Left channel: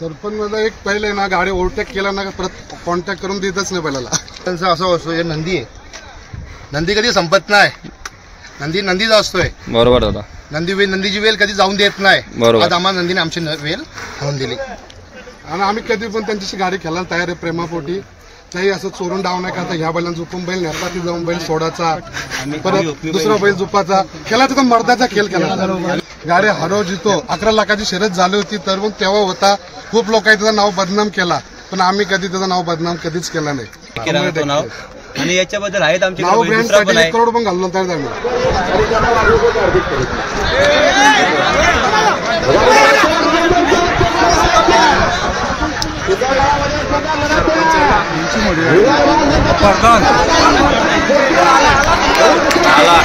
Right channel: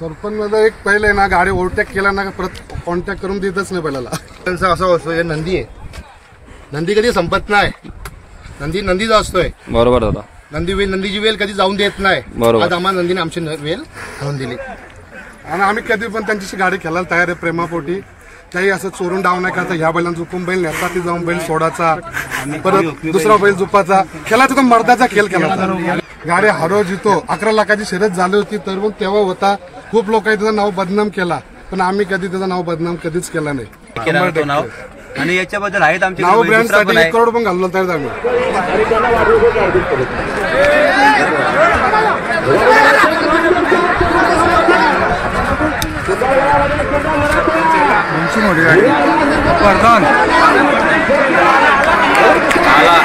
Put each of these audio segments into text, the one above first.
सरपंच मध्ये एक पहिले ना गाडी ओव्हरटेक केला ना परत कॉन्टॅक्ट करून देतच नाही पहिल्याला. त्यांचं असं असतो हे नंदी आहे, नंदी कधी संपत नाही, नंदीचा असतोय. बरोबर दादा. नंदीची वेल कधी जाऊन देत नाही. बरोबर. आज आम्हाला नंदीने आमची वेल जाऊन दिली आणि आम्ही कधी पण त्यांच्याशी गाडी खेळायला तयार आहे प्रेमापोटी. त्याही असं चोरून डाव नाही करता. ह्या बैलांना झुपून बैल नेता ती जाऊन बैल सोडायचा, परत दुसरा बैल झुपाचा खेळायचा. तो मर्दाचा खेळ केला. गाडी हरव जितो 11 लाखाची शर्यत झाली होती तर मग तेव्हा होता. खूप लोकांनी त्याचं नाव बदनाम केला पण आम्ही कधी त्याचं नाव बदनाम कधीच केला नाही. आणि याच्याबद्दल आहेत आमचे नाव ब्रँडसाठी 1 करोड पण घाललो तयार आम्ही. आला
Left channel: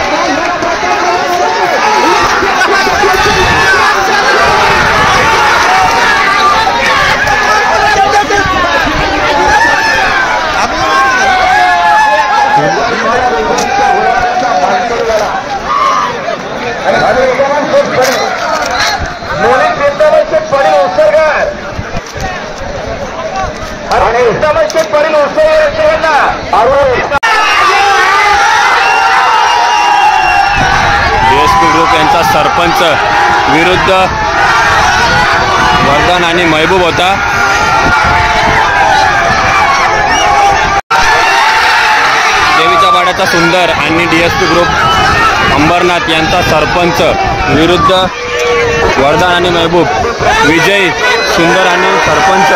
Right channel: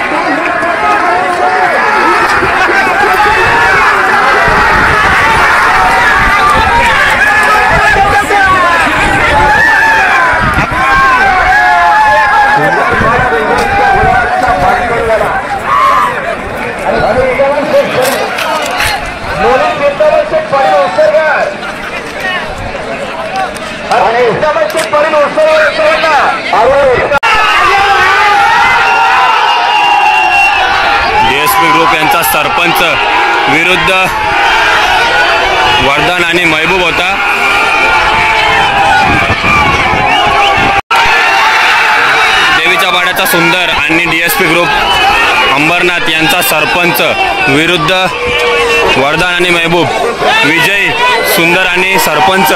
डीएसपी ग्रुप यांचा सरपंच विरुद्ध वर्धन आणि महबूब होता. देवीच्या वाड्याचा सुंदर आणि डीएसपी ग्रुप अंबरनाथ यांचा सरपंच विरुद्ध वर्धन आणि महबूब. विजय सुंदर आणि सरपंच.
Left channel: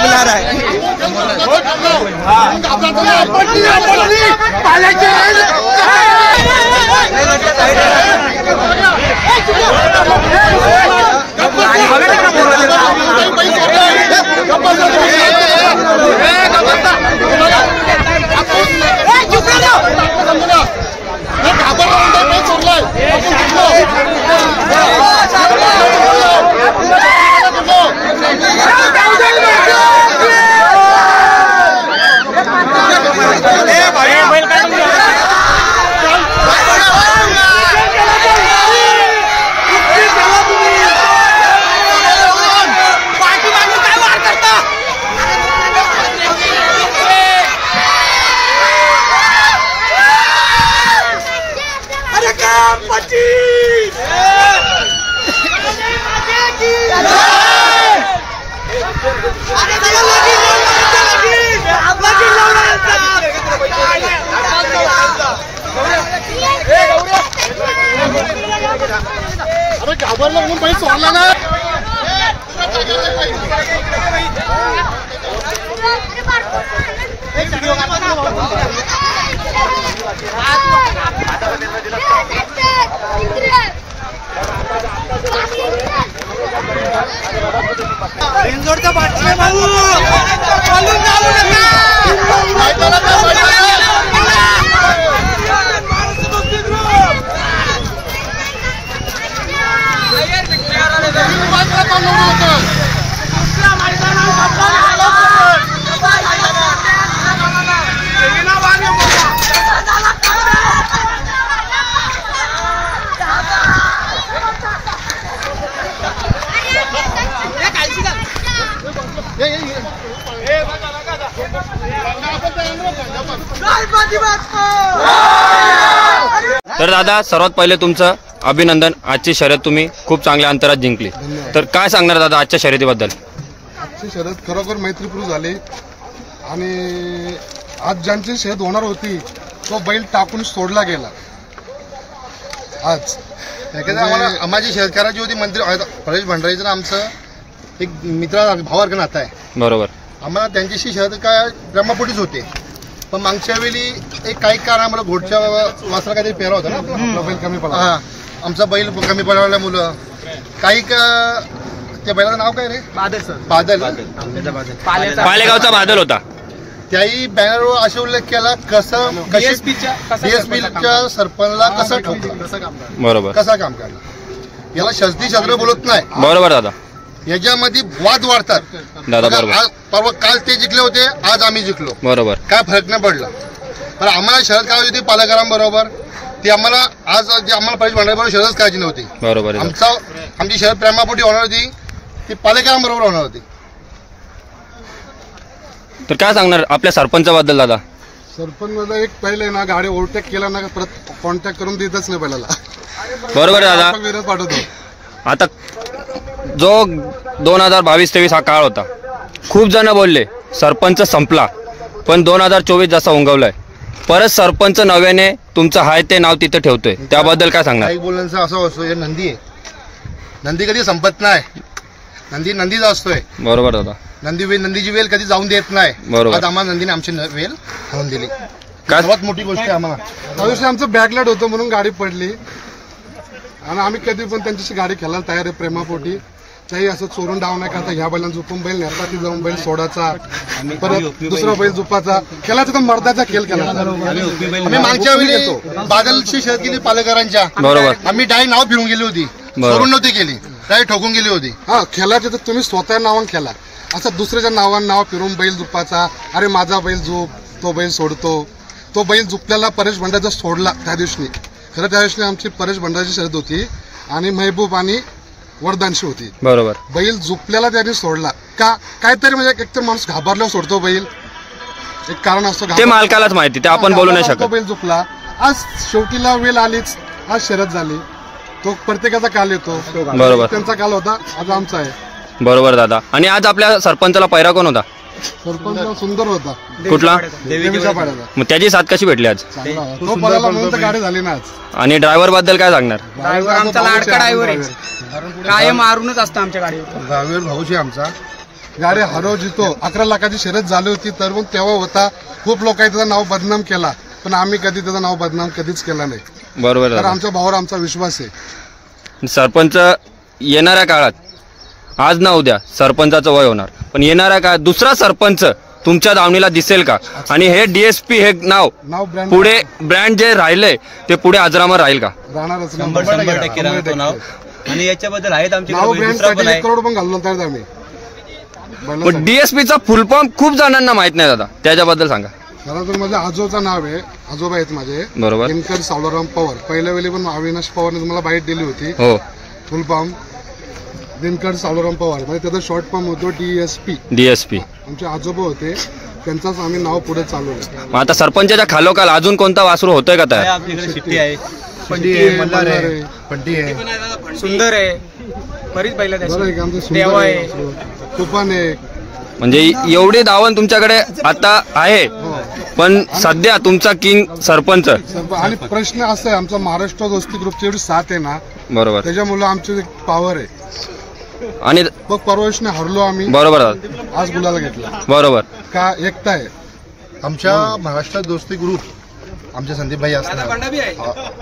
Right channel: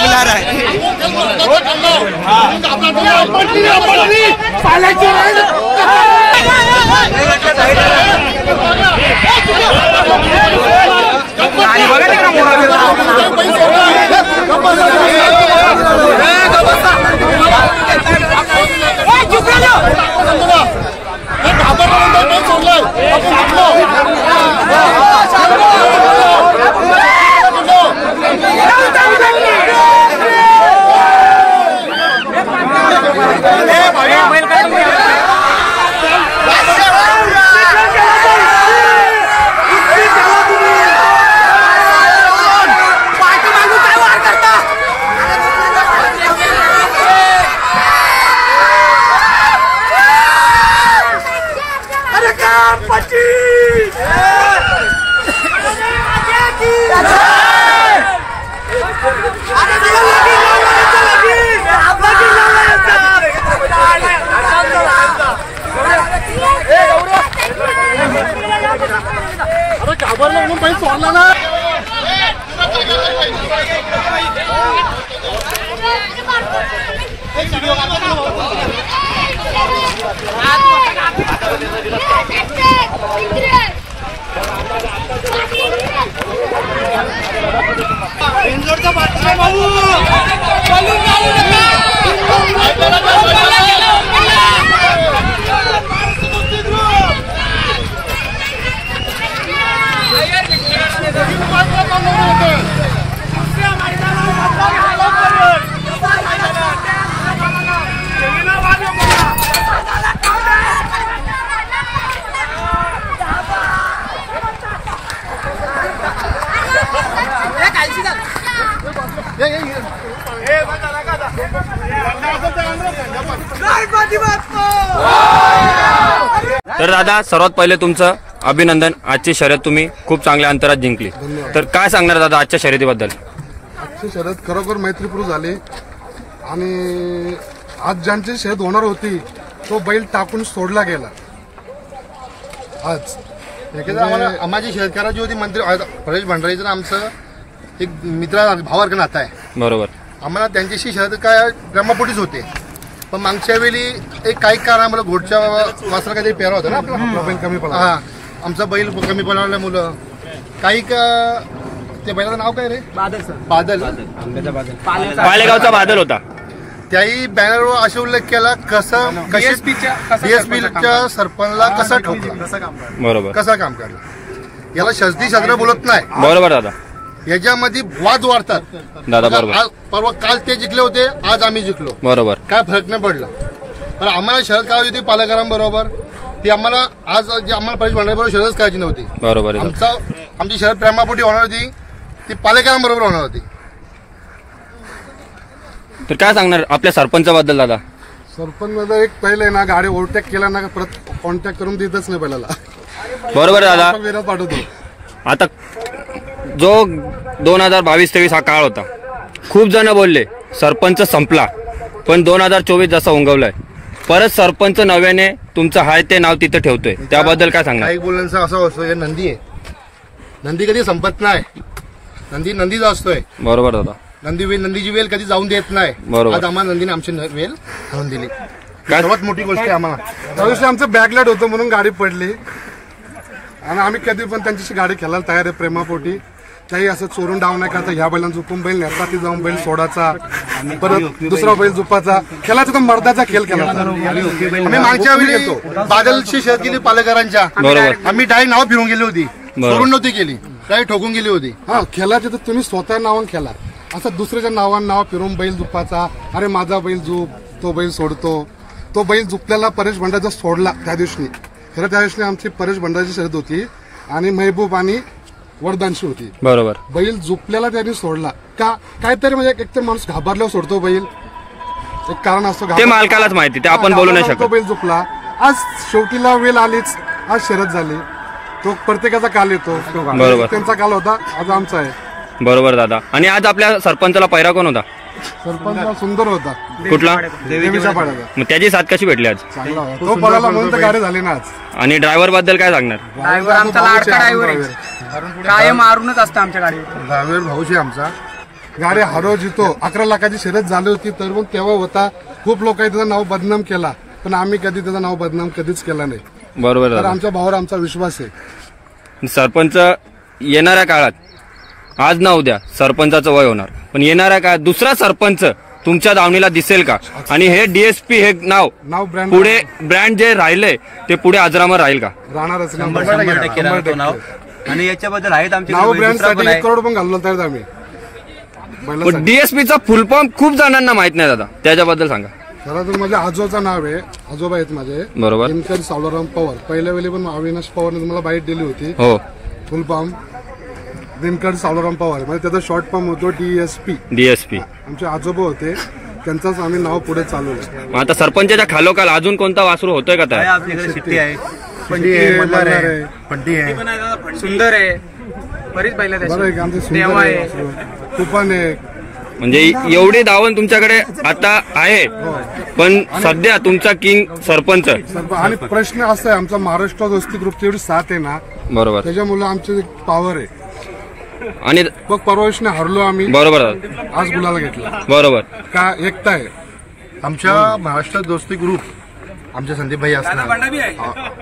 बुला रहा है अरे घाबरला म्हणून बाई सोडला ना. इंदोरचा बादशाह भाऊ तर दादा सर्वात पहिले तुमचं अभिनंदन. आजची शर्यत तुम्ही खूप चांगल्या अंतरात जिंकली. तर काय सांगणार दादा आजच्या शर्यतीबद्दल? आजची शर्यत खरोखर मैत्रीपूर्ण झाली आणि आज ज्यांची शर्यत होणार होती तो बैल टाकून सोडला गेला. आज आम्हाला शर्यत करायची होती. मंत्री परेश भंडारीचं आमचं एक मित्र भावार्क नातं आहे. बरोबर. आम्हाला त्यांच्याशी शर्यत काय ब्रह्मपोटीच होते पण मागच्या वेळी एक काही कारण आम्हाला घोडच्या वासरा काहीतरी पेरा होता ना आपला बैल कमी पडला. आमचा बैल कमी पडवल्या मुलं काही त्या बैलाचं नाव काय रे? बादल. पालेगावचा बादल होता. त्याही बॅनरवर असे उल्लेख केला डीएसपीच्या सरपंचला कसा ठोकला, बरोबर कसा काम काढला. याला शस्त्री शस्त्र बोलत नाही. बरोबर दादा, याच्यामध्ये वाद वाढतात दादा बरोबर. परवा काल ते जिंकले होते, आज आम्ही जिंकलो, बरोबर. काय फरक नाही पडला. पण आम्हाला शरद करायची होती पालकरांबरोबर, ती आम्हाला आज जे आम्हाला परेश भांडाऱ्याबरोबर शरदच करायची नव्हती. बरोबर आहे दादा. आमची शरद प्रेमापोटी होणार होती, ती पालकरांबरोबर होणार होती. तर काय सांगणार आपल्या सरपंचाबद्दल दादा? सरपंच मध्ये एक पहिले ना गाडी ओव्हरटेक केला ना परत कॉन्टॅक्ट करून देतच नाही पहिल्याला. बरोबर आहे दादा. वेळेत पाठवतो. आता जो 2022-23 हा काळ होता, खूप जण बोलले सरपंच संपला, पण 2024 जसा उंगवलाय, परत सरपंच नव्याने तुमचं हाय ते नाव तिथे ठेवतोय, त्याबद्दल काय सांगणार? काही बोलण्याचं असं असतो, हे नंदी आहे, नंदी कधी संपत नाही, नंदीचा असतोय. बरोबर दादा. नंदीची वेल कधी जाऊन देत नाही. बरोबर. आज आम्हाला नंदीने आमची वेल आणून दिली, काय सर्वात मोठी गोष्ट आहे आम्हाला. त्या दिवशी आमचं बॅकलाइट होतं म्हणून गाडी पडली आणि आम्ही कधी पण त्यांच्याशी गाडी खेळायला तयार आहे प्रेमापोटी. त्याही असं चोरून डाव नाही करता, ह्या बैलांना झुपून बैल नेता, ती जाऊन बैल सोडाचा, परत दुसरा बैल झुपाचा, खेळायचा तर मर्दाचा खेळ खेळायचा. आम्ही मागच्या वेळी बादलची शर्यत केली पालकरांच्या, बरोबर. आम्ही डायरेक्ट नाव फिरून गेली होती, चोरून नव्हती केली, डायरेक्ट ठोकून गेली होती. हा, खेळायचं तर तुम्ही स्वतः नावानं खेळा, असं दुसऱ्याच्या नावानं नाव फिरून बैल झुपाचा, अरे माझा बैल झुप, तो बैल सोडतो. तो बैल झुपल्याला परेश भंडारा सोडला त्या दिवशी. खरं त्या दिवशी आमची परेश भंडाराची शर्यत होती आणि महबूब आणि वरदानशी होती. बरोबर. बैल झुपल्याला त्यांनी सोडला का, काहीतरी म्हणजे एकतर माणूस घाबरल्यावर सोडतो बैल, एक कारण असतं, ते मालकालाच माहिती, ते आपण बोलू नाही शकत. बैल झुपला, आज शेवटीला वेळ आलीच, आज शर्यत झाली. तो प्रत्येकाचा काल येतो. बरोबर. त्यांचा काल होता, आज आमचा आहे. बरोबर दादा. आणि आज आपल्या सरपंचाला पैरा कोण होता? सरपंच सुंदर होता, कुठला? देवीच्या पाड्याचा. मग त्याची साथ कशी भेटली आज? चांगला होता. तो पळाला म्हणून तर गाडी झाली ना आज. आणि ड्रायव्हर बद्दल काय सांगणार? ड्रायव्हर आमचा लाडका ड्रायव्हर आहे, काय मारूनच असतं आमच्या गाडीवर. ड्रायव्हर भाऊशी आमचा. गाडी हरव जितो 11 लाखाची शर्यत झाली होती, तर मग तेव्हा होता. खूप लोकांनी त्याचं नाव बदनाम केला, पण आम्ही कधी त्याचं नाव बदनाम कधीच केलं नाही. बरोबर तर दादा. आमच्या भावावर आमचा विश्वास आहे. सरपंच येणाऱ्या काळात, आज ना उद्या सरपंचाचं वय होणार, पण येणाऱ्या काळात दुसरा सरपंच तुमच्या दावणीला दिसेल का? आणि हे डीएसपी हे नाव ब्रँड पुढे ब्रँड जे राहिले ते पुढे अजरामर राहील का? राहणारच 100% राहतो नाव. आणि याच्याबद्दल आहेत आमचे नाव ब्रँड साठी 1 करोड पण घालून तर आम्ही. पण डीएसपीचा फुल फॉर्म खूप जणांना माहित नाही दादा, त्याच्याबद्दल सांगा. खरं तर माझ्या आजोचं नाव आहे, आजोबा आहेत माझे, बरोबर. दिनकर सावळाराम पवार. पहिल्या वेळी पण अविनाश पवारने तुम्हाला बाईट दिली होती. हो, फुल फॉर्म दिनकर सावळाराम पवार, म्हणजे त्याचा शॉर्ट फॉर्म होतो डीएसपी. आमचे आजोबा होते, त्यांचाच आम्ही नाव पुढे चालवलं. आता सरपंचाच्या खालोखाल अजून कोणता वासरू होतोय का तयार? आपल्याकडे शिट्टी आहे, पंटी आहे, मल्हार आहे, पंटी आहे, सुंदर आहे, बरीच बैल आहेत बरं अशी. आहे का? आमचे देवा सुंदर आहे. आहे, तुफान आहे. म्हणजे एवढी धावण तुमच्याकडे आता आहे, पण सध्या तुमचा किंग सरपंच. आणि प्रश्न असा आहे, आमचा महाराष्ट्र दोस्ती ग्रुपची एवढी साथ आहे ना, बरोबर. त्याच्यामुळे आमची पॉवर आहे. आणि बघ परवेशने हरलो आम्ही, बरोबर दादा. आज गुलाला घेतला बरोबर. का, एकता आहे. आमच्या महाराष्ट्र दोस्ती ग्रुप, आमचे संदीप भाई असणार,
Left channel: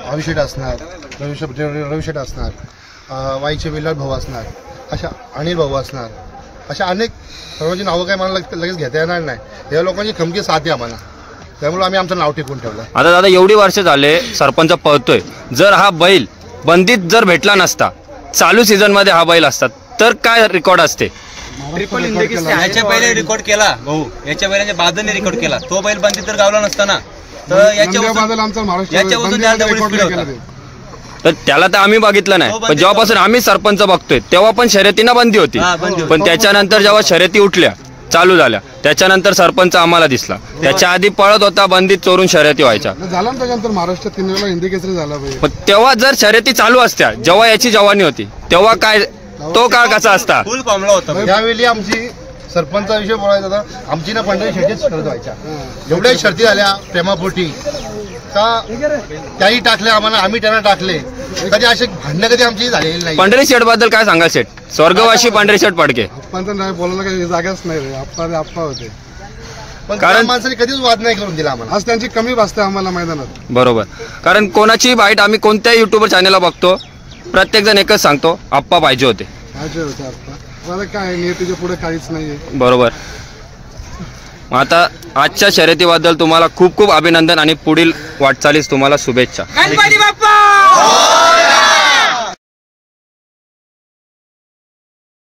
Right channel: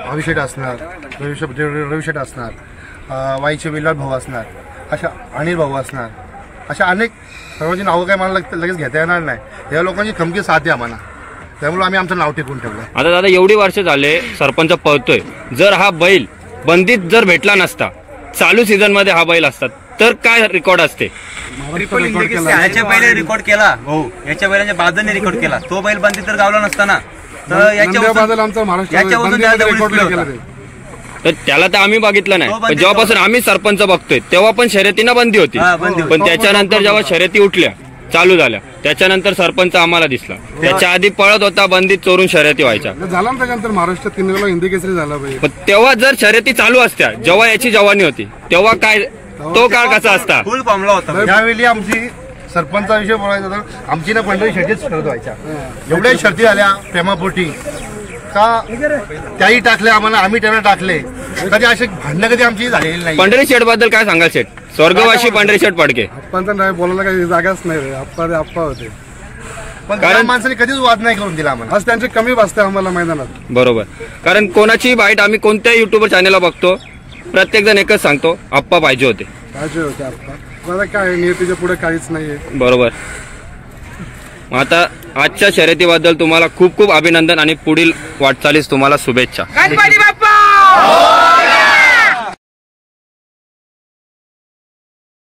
अभिषेक असणार, रविशेठ असणार, वाईचे विलास भाऊ असणार, अशा अनिल भाऊ असणार, अशा अनेक सर्वांची नावं काय मला लगेच घेता येणार नाही. या लोकांची खमकी साथ आहे आम्हाला, त्यामुळे आम्ही आमचं नाव टिकून ठेवलं. आता दादा एवढी वर्ष झाले सरपंच पळतोय, जर हा बैल बंदीत जर भेटला नसता, चालू सीझन मध्ये हा बैल असतात, तर काय रेकॉर्ड असते? याच्या पहिले रेकॉर्ड केला भाऊ, याच्या बैलांच्या बाजाने रेकॉर्ड केला. तो बैल बंदी तर गावला नसताना, तर याच्यावर आमचा महाराष्ट्र रेकॉर्ड केला. तर त्याला तर आम्ही बघितलं नाही, पण जेव्हापासून आम्ही सरपंच बघतोय तेव्हा पण शर्यतीनं बंदी होती. पण त्याच्यानंतर जेव्हा शर्यती उठल्या, चालू झाल्या, त्याच्यानंतर सरपंच आम्हाला दिसला. त्याच्या आधी पळत होता, बंदीत चोरून शर्यती व्हायच्या. झाला ना त्याच्यानंतर महाराष्ट्र 3 वेळा हिंदी केसरी झाला पाहिजे. पण तेव्हा जर शर्यती चालू असत्या, जेव्हा याची जवानी होती, तेव्हा काय तो काळ कसा असता? फुल फॉर्मला होता. यावेळी आमची सरपंचा विषय बोलायचा तर आमची ना पंढरी शर्तीच शर्यत व्हायच्या. एवढ्या शर्ती झाल्या प्रेमापोटी का, त्याही टाकल्या आम्हाला, आम्ही त्यांना टाकले. कधी असे भांडणं कधी आमची झालेली नाही. पांढरे शेठ बद्दल काय सांगाल शेठ? स्वर्गवासी पांढरे शेठ पडके. आपण नाही बोलायला काही जागाच नाही रे. आप्पा होते, पण कारण माणसाने कधीच वाद नाही करून दिला आम्हाला. आज त्यांची कमी वाजते आम्हाला मैदानात. बरोबर. कारण कोणाची बाईट आम्ही कोणत्याही युट्यूबर चॅनलला बघतो, प्रत्येक जण एकच सांगतो, आप्पा पाहिजे होते. पाहिजे होते आप्पा. मला काय नियतीच्या पुढे काहीच नाहीये. बरोबर. मग आता आजच्या शर्यतीबद्दल तुम्हाला खूप खूप अभिनंदन आणि पुढील वाटचालीस तुम्हाला शुभेच्छा. गणपती बाप्पा